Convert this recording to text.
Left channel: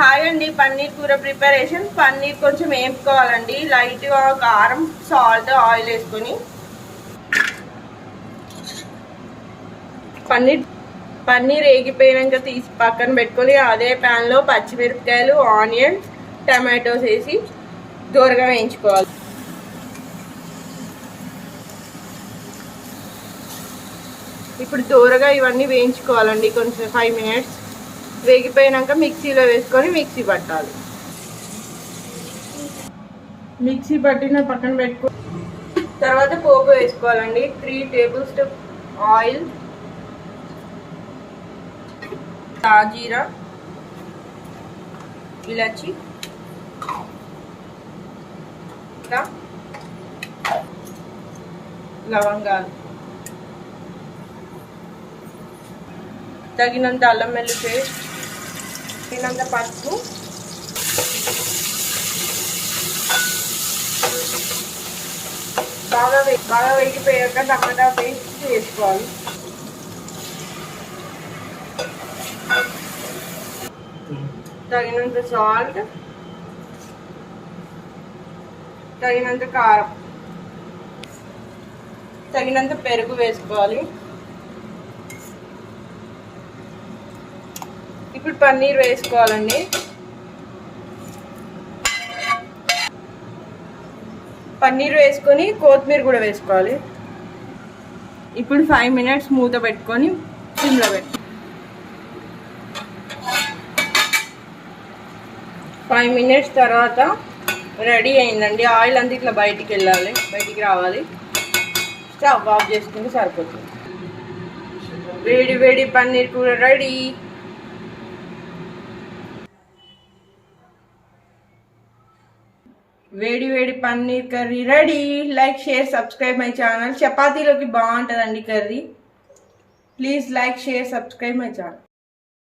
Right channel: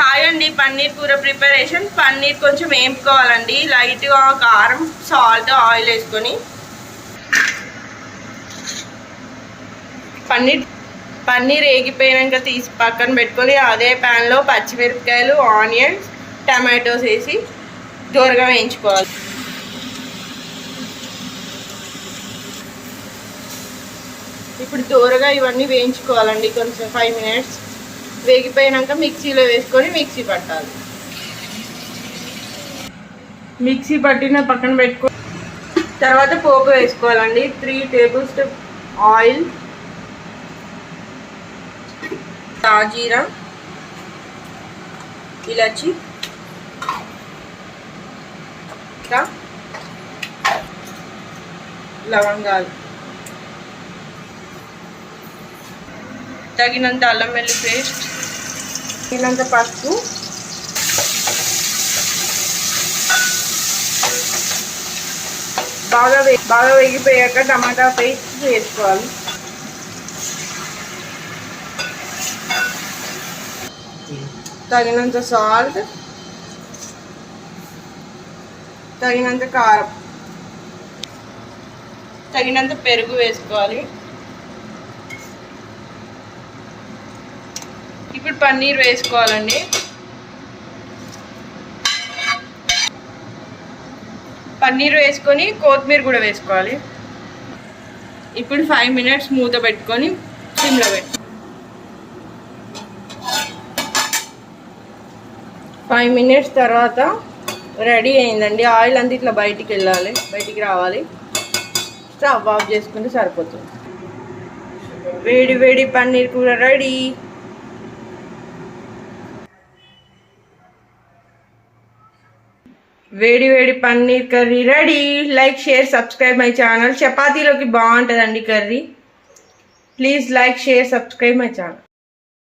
Hi అండి, పన్నీర్ కూర preparation. Paneer కొంచెం వేపుకోవాలండి. లైట్గా కారం, సాల్ట్, ఆయిల్ వేసుకొని పన్నీర్ వేగిపోయాక తీసి పక్కన పెట్టుకొని అదే ప్యాన్లో పచ్చిమిరపకాయలు, ఆనియన్స్, టమాటోస్ వేసి దూరగా వేయించుకోవాలి. ఇప్పుడు దూరగా ఇవన్నీ వేయించుకోవాలండి. కొంచెం 5 minutes వేగిపోయాక మిక్సీలో వేసుకొని మిక్సీ పట్టాలి. మిక్సీ పట్టిన పక్కన పెట్టుకో. తర్వాత పోపు వేసుకోవాలండి. 3 tablespoons ఆయిల్, తాజీరా, ఇలాచి, లవంగాలు, తగినంత అల్లం వెల్లుల్లి పేస్ట్, తగినంత పసుపు, బాగా వేగిపోయాక టమాటా పేస్ట్ వేసుకోవాలి. తగినంత సాల్ట్, తగినంత కారం, తగినంత పెరుగు వేసుకోవాలి. ఇప్పుడు పన్నీర్ వేసుకోవాలండి. పన్నీర్ వేసుకొని కొత్తిమీర కూడా వేసుకోవాలి. ఇప్పుడు 5 minutes మూత పెట్టుకొని సిమ్లో పెట్టు. 5 minutes తర్వాత రెడీ అయిందండి. ఆయిల్ అంతా ఇట్లా బయటికి రావాలి. స్టవ్ ఆఫ్ చేసుకుంటే సరిపోతుంది. వేడి వేడి పన్నీర్ కూర రెడీ. వేడి వేడి paneer curry ready. Like, share, subscribe my channel. చపాతీలోకి బాగుంటుందండి curry. Please like, share, subscribe my channel.